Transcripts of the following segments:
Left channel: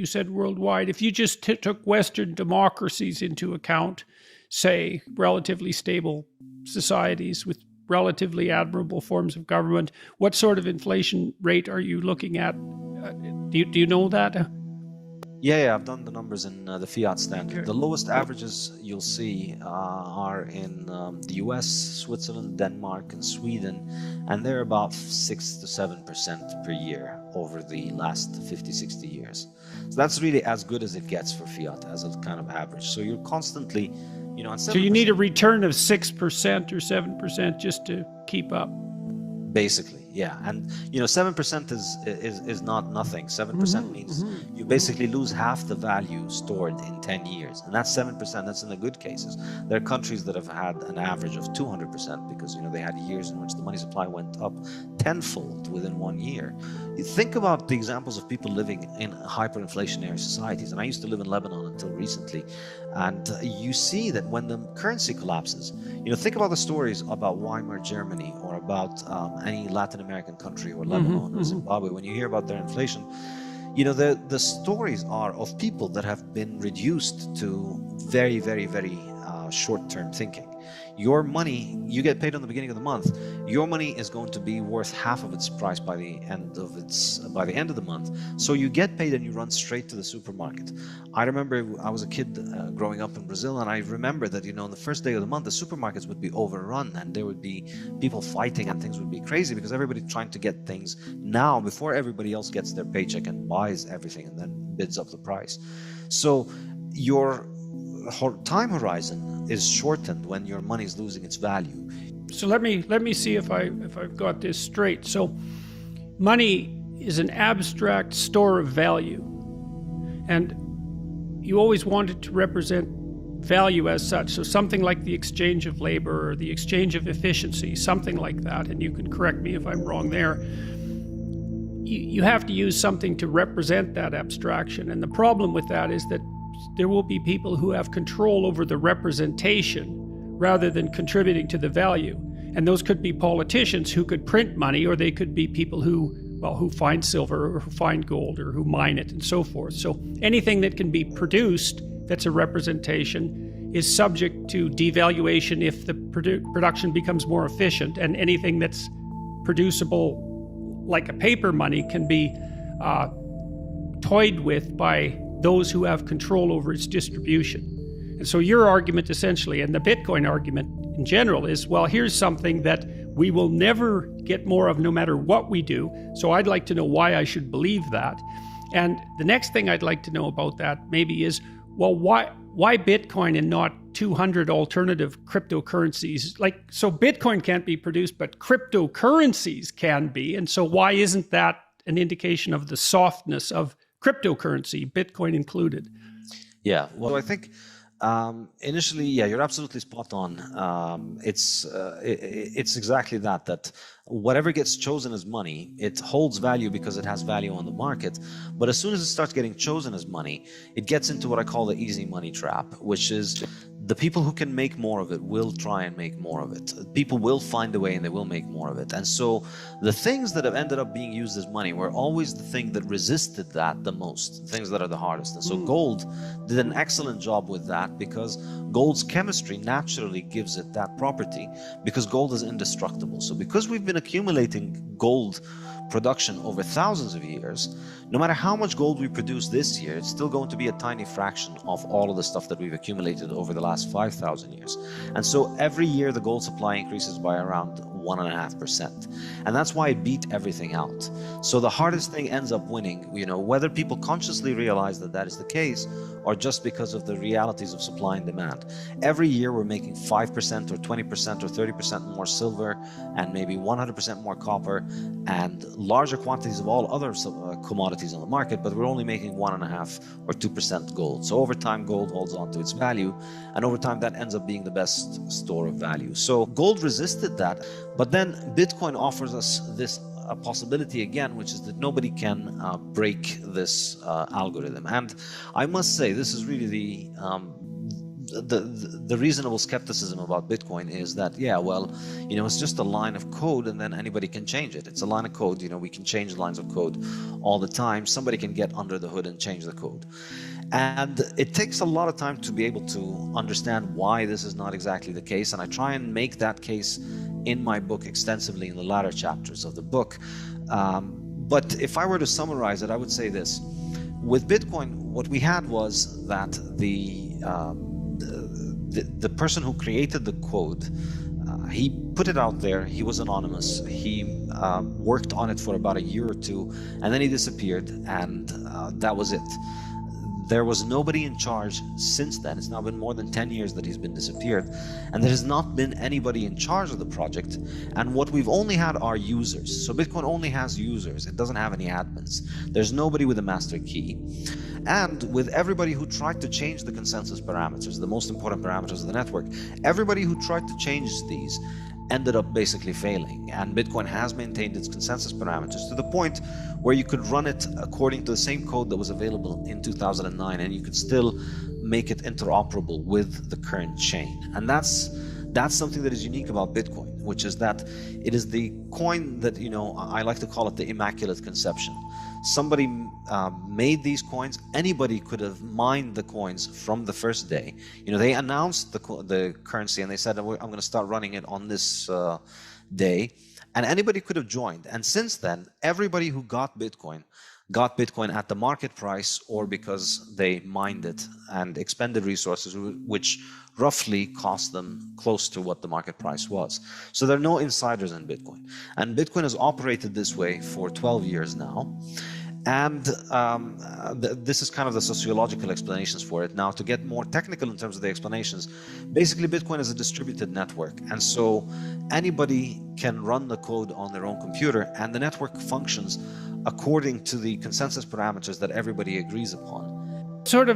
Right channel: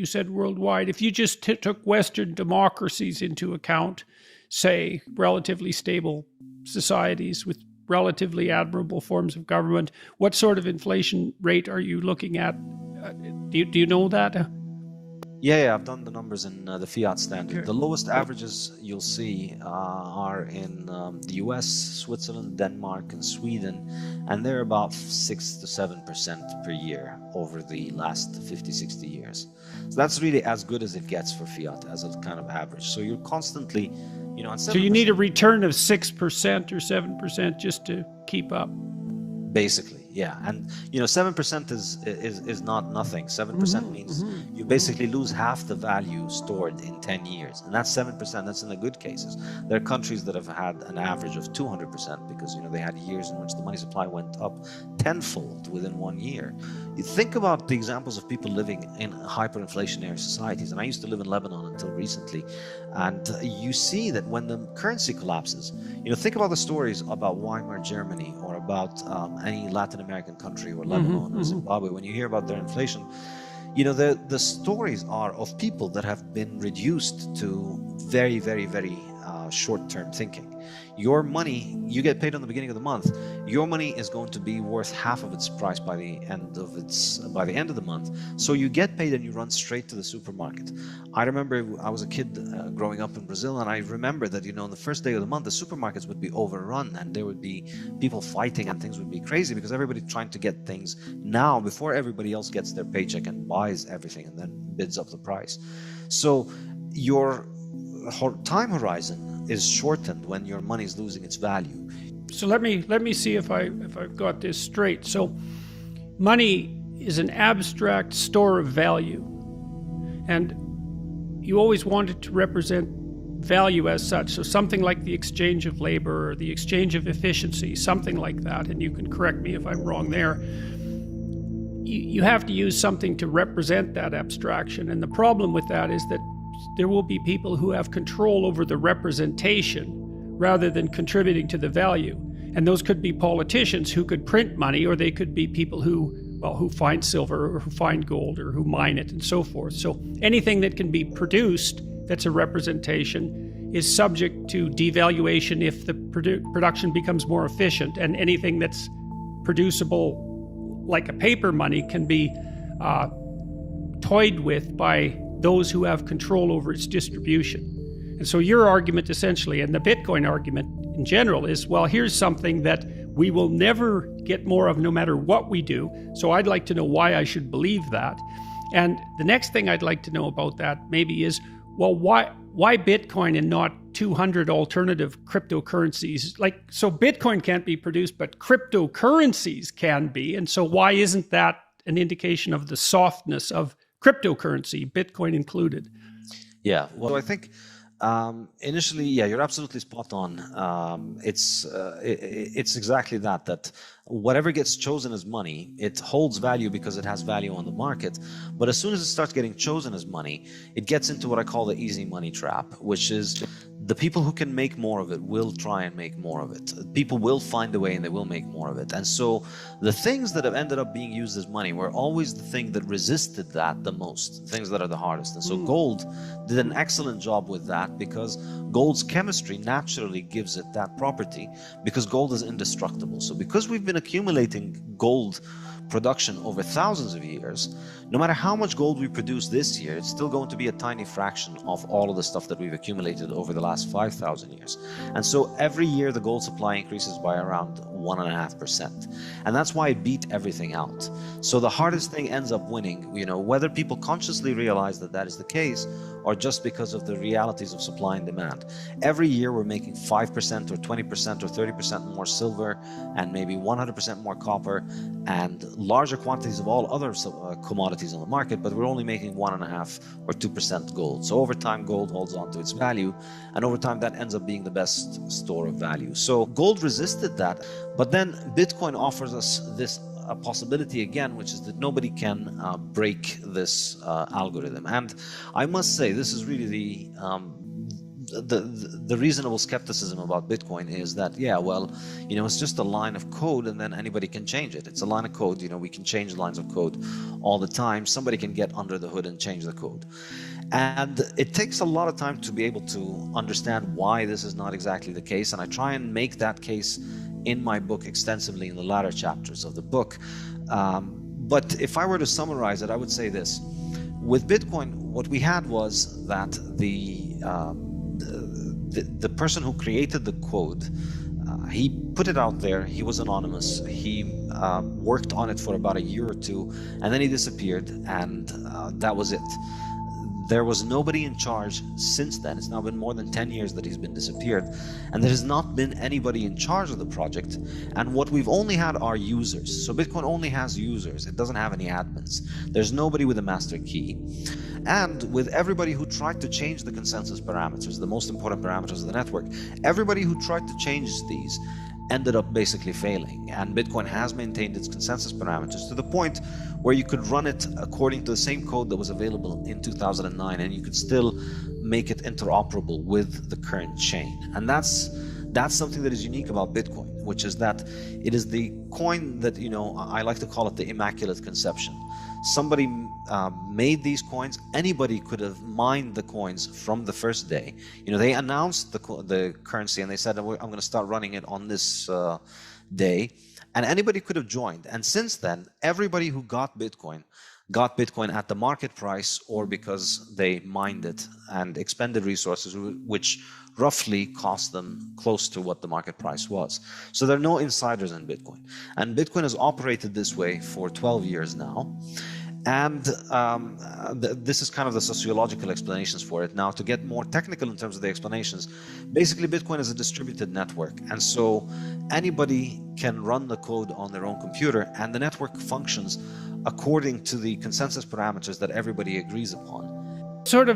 you said worldwide. If you just took Western democracies into account, say relatively stable societies with relatively admirable forms of government, what sort of inflation rate are you looking at? Do you know that? Yeah, I've done the numbers in the Fiat standard. Okay. The lowest averages you'll see are in the US, Switzerland, Denmark, and Sweden, and they're about 6 to 7% per year over the last 50, 60 years. So that's really as good as it gets for Fiat as a kind of average. So you're constantly, so you need a return of 6% or 7% just to keep up. Basically. Yeah, and 7% is not nothing. 7% means you basically lose half the value stored in 10 years, and that's 7%. That's in the good cases. There are countries that have had an average of 200% because they had years in which the money supply went up tenfold within 1 year. You think about the examples of people living in hyperinflationary societies, and I used to live in Lebanon until recently, and you see that when the currency collapses, think about the stories about Weimar Germany or about any Latin American country or Lebanon or Zimbabwe. When you hear about their inflation, the stories are of people that have been reduced to very, very, very short-term thinking. Your money, you get paid on the beginning of the month. Your money is going to be worth half of its price by the end of the month. So you get paid and you run straight to the supermarket. I remember I was a kid growing up in Brazil, and I remember that on the first day of the month the supermarkets would be overrun and there would be people fighting and things would be crazy because everybody's trying to get things now before everybody else gets their paycheck and buys everything and then bids up the price. So your time horizon is shortened when your money is losing its value. So let me see if I've got this straight. So money is an abstract store of value, and you always want it to represent value as such. So something like the exchange of labor or the exchange of efficiency, something like that. And you can correct me if I'm wrong there. You have to use something to represent that abstraction, and the problem with that is that there will be people who have control over the representation rather than contributing to the value. And those could be politicians who could print money, or they could be people who find silver or who find gold or who mine it and so forth. So anything that can be produced that's a representation is subject to devaluation if the production becomes more efficient. And anything that's producible, like a paper money, can be toyed with by those who have control over its distribution. And so your argument essentially, and the Bitcoin argument in general, is, well, here's something that we will never get more of no matter what we do. So I'd like to know why I should believe that. And the next thing I'd like to know about that maybe is, well, why Bitcoin and not 200 alternative cryptocurrencies? So Bitcoin can't be produced, but cryptocurrencies can be. And so why isn't that an indication of the softness of cryptocurrency, Bitcoin included? Yeah, well, I think initially, you're absolutely spot on. It's exactly that whatever gets chosen as money, it holds value because it has value on the market. But as soon as it starts getting chosen as money, it gets into what I call the easy money trap, which is the people who can make more of it will try and make more of it. People will find a way and they will make more of it. And so the things that have ended up being used as money were always the thing that resisted that the most, things that are the hardest. And so gold did an excellent job with that because gold's chemistry naturally gives it that property because gold is indestructible. So because we've been accumulating gold production over thousands of years, no matter how much gold we produce this year, it's still going to be a tiny fraction of all of the stuff that we've accumulated over the last 5,000 years. And so every year the gold supply increases by around 1.5%. And that's why it beat everything out. So the hardest thing ends up winning, whether people consciously realize that that is the case or just because of the realities of supply and demand. Every year we're making 5% or 20% or 30% more silver and maybe 100% more copper and larger quantities of all other commodities on the market, but we're only making 1.5 or 2% gold. So over time, gold holds on to its value, and over time that ends up being the best store of value. So gold resisted that, but then Bitcoin offers us this possibility again, which is that nobody can break this algorithm. And I must say, this is really the reasonable skepticism about Bitcoin is that, yeah, well, it's just a line of code and then anybody can change it. It's a line of code, we can change lines of code all the time. Somebody can get under the hood and change the code. And it takes a lot of time to be able to understand why this is not exactly the case. And I try and make that case in my book extensively in the latter chapters of the book. But if I were to summarize it, I would say this. With Bitcoin, what we had was that the person who created the code, he put it out there. He was anonymous. He worked on it for about a year or two, and then he disappeared, and that was it. There was nobody in charge since then. It's now been more than 10 years that he's been disappeared, and there has not been anybody in charge of the project. And what we've only had are users. So Bitcoin only has users. It doesn't have any admins. There's nobody with a master key. And with everybody who tried to change the consensus parameters, the most important parameters of the network, everybody who tried to change these ended up basically failing. And Bitcoin has maintained its consensus parameters to the point where you could run it according to the same code that was available in 2009, and you could still make it interoperable with the current chain. And that's something that is unique about Bitcoin, which is that it is the coin that, I like to call it the Immaculate Conception. Somebody made these coins. Anybody could have mined the coins from the first day. They announced the currency and they said, I'm going to start running it on this day, and anybody could have joined. And since then, everybody who got Bitcoin at the market price, or because they mined it and expended resources which roughly cost them close to what the market price was. So there are no insiders in Bitcoin. And Bitcoin has operated this way for 12 years now. And this is kind of the sociological explanations for it. Now, to get more technical in terms of the explanations, basically Bitcoin is a distributed network. And so anybody can run the code on their own computer, and the network functions according to the consensus parameters that everybody agrees upon. It's sort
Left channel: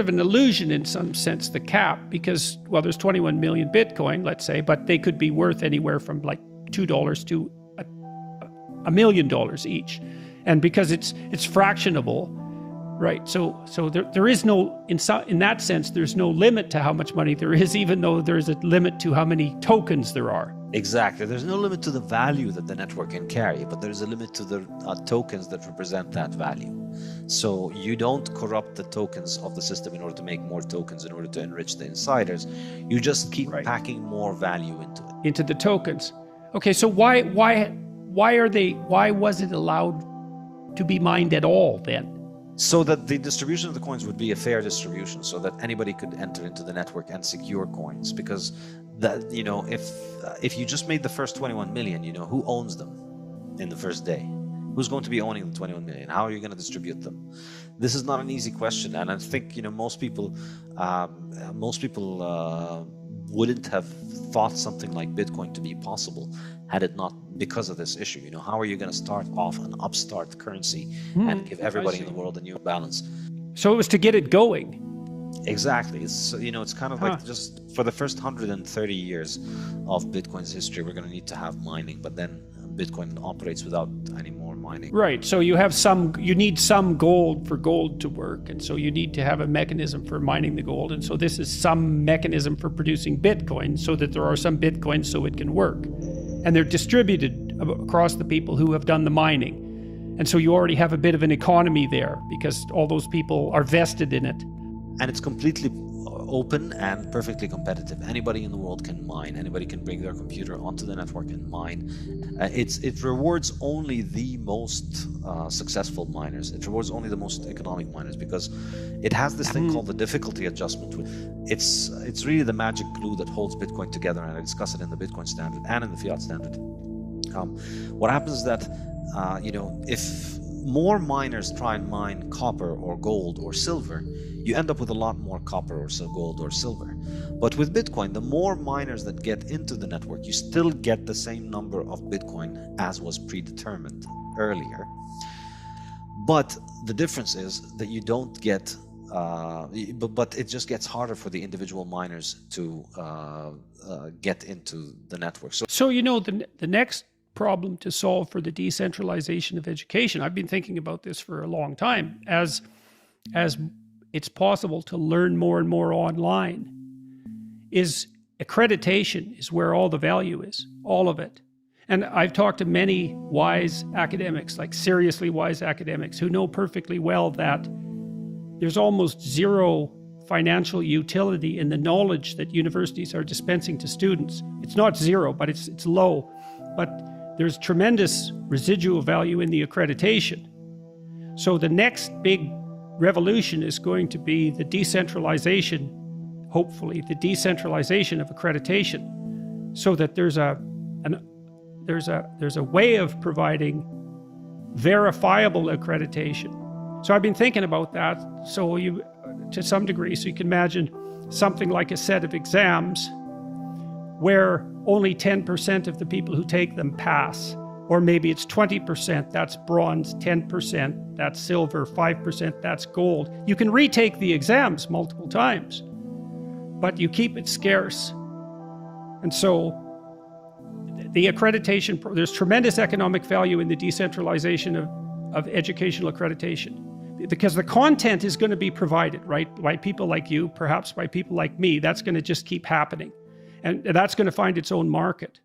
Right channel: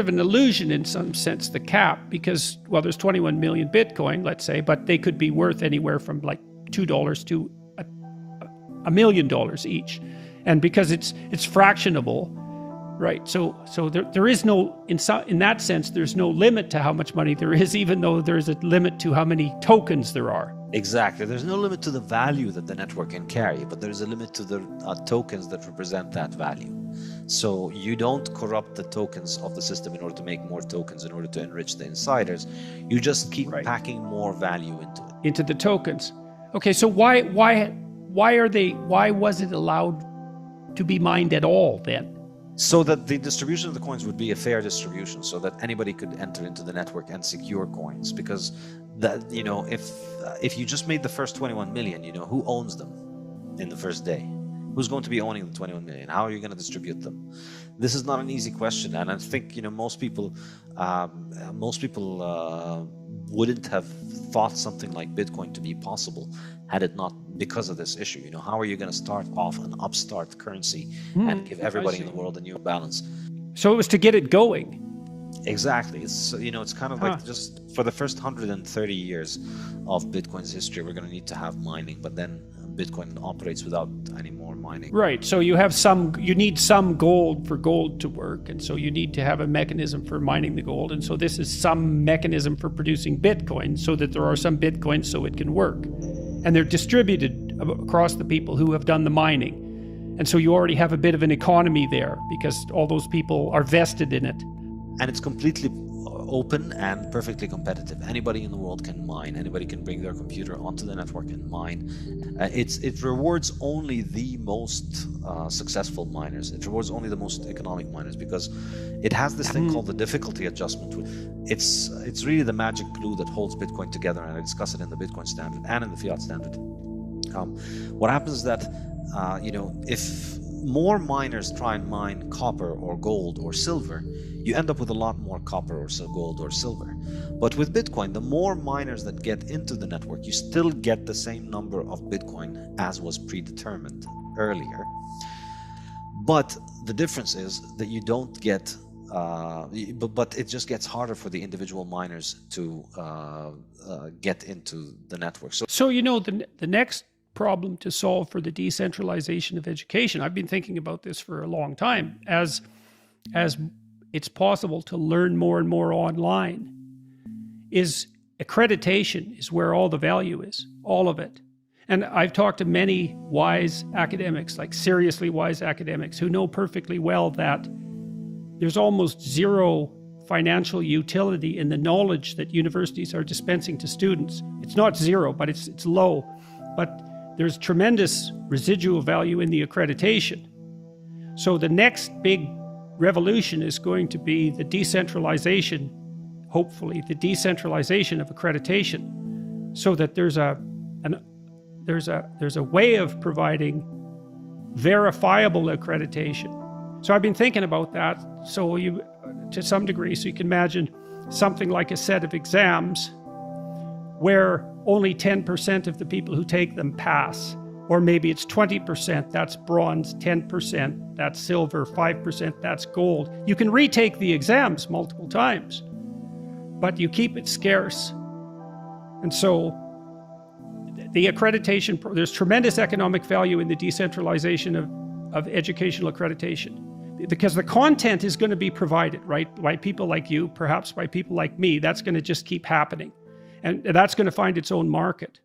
of an illusion in some sense, the cap, because, well, there's 21 million Bitcoin, let's say, but they could be worth anywhere from like $2 to $1 million each. And because it's fractionable, right? So there is no, in that sense, there's no limit to how much money there is, even though there's a limit to how many tokens there are. Exactly. There's no limit to the value that the network can carry, but there's a limit to the tokens that represent that value. So you don't corrupt the tokens of the system in order to make more tokens in order to enrich the insiders. You just keep packing more value into it. Into the tokens. Okay, so why was it allowed to be mined at all then? So that the distribution of the coins would be a fair distribution, so that anybody could enter into the network and secure coins. Because that, if you just made the first 21 million, who owns them in the first day? Who's going to be owning the 21 million? How are you going to distribute them? This is not an easy question, and I think most people wouldn't have thought something like Bitcoin to be possible had it not because of this issue. How are you going to start off an upstart currency and give everybody in the world a new balance? So it was to get it going. Exactly. It's it's kind of like just for the first 130 years of Bitcoin's history, we're going to need to have mining, but then Bitcoin operates without any more mining. Right. So you need some gold for gold to work, and so you need to have a mechanism for mining the gold, and so this is some mechanism for producing Bitcoin, so that there are some Bitcoins so it can work, and they're distributed across the people who have done the mining, and so you already have a bit of an economy there because all those people are vested in it. And it's completely open and perfectly competitive. Anybody in the world can mine. Anybody can bring their computer onto the network and mine. It rewards only the most successful miners. It rewards only the most economic miners because it has this thing called the difficulty adjustment. It's really the magic glue that holds Bitcoin together, and I discuss it in the Bitcoin standard and in the Fiat standard. What happens is that if more miners try and mine copper or gold or silver, you end up with a lot more copper or gold or silver. But with Bitcoin, the more miners that get into the network, you still get the same number of Bitcoin as was predetermined earlier. But the difference is that you don't get, but it just gets harder for the individual miners to get into the network. So the next problem to solve for the decentralization of education, I've been thinking about this for a long time, as it's possible to learn more and more online, is accreditation is where all the value is, all of it. And I've talked to many wise academics, like seriously wise academics, who know perfectly well that there's almost zero financial utility in the knowledge that universities are dispensing to students. It's not zero, but it's low. But there's tremendous residual value in the accreditation. So the next big revolution is going to be the decentralization, hopefully, the decentralization of accreditation, so that there's a way of providing verifiable accreditation. So I've been thinking about that. So to some degree, so you can imagine something like a set of exams where only 10% of the people who take them pass, or maybe it's 20%, that's bronze, 10%, that's silver, 5%, that's gold. You can retake the exams multiple times, but you keep it scarce. And so the accreditation, there's tremendous economic value in the decentralization of educational accreditation, because the content is going to be provided, right, by people like you, perhaps by people like me. That's going to just keep happening, and that's going to find its own market.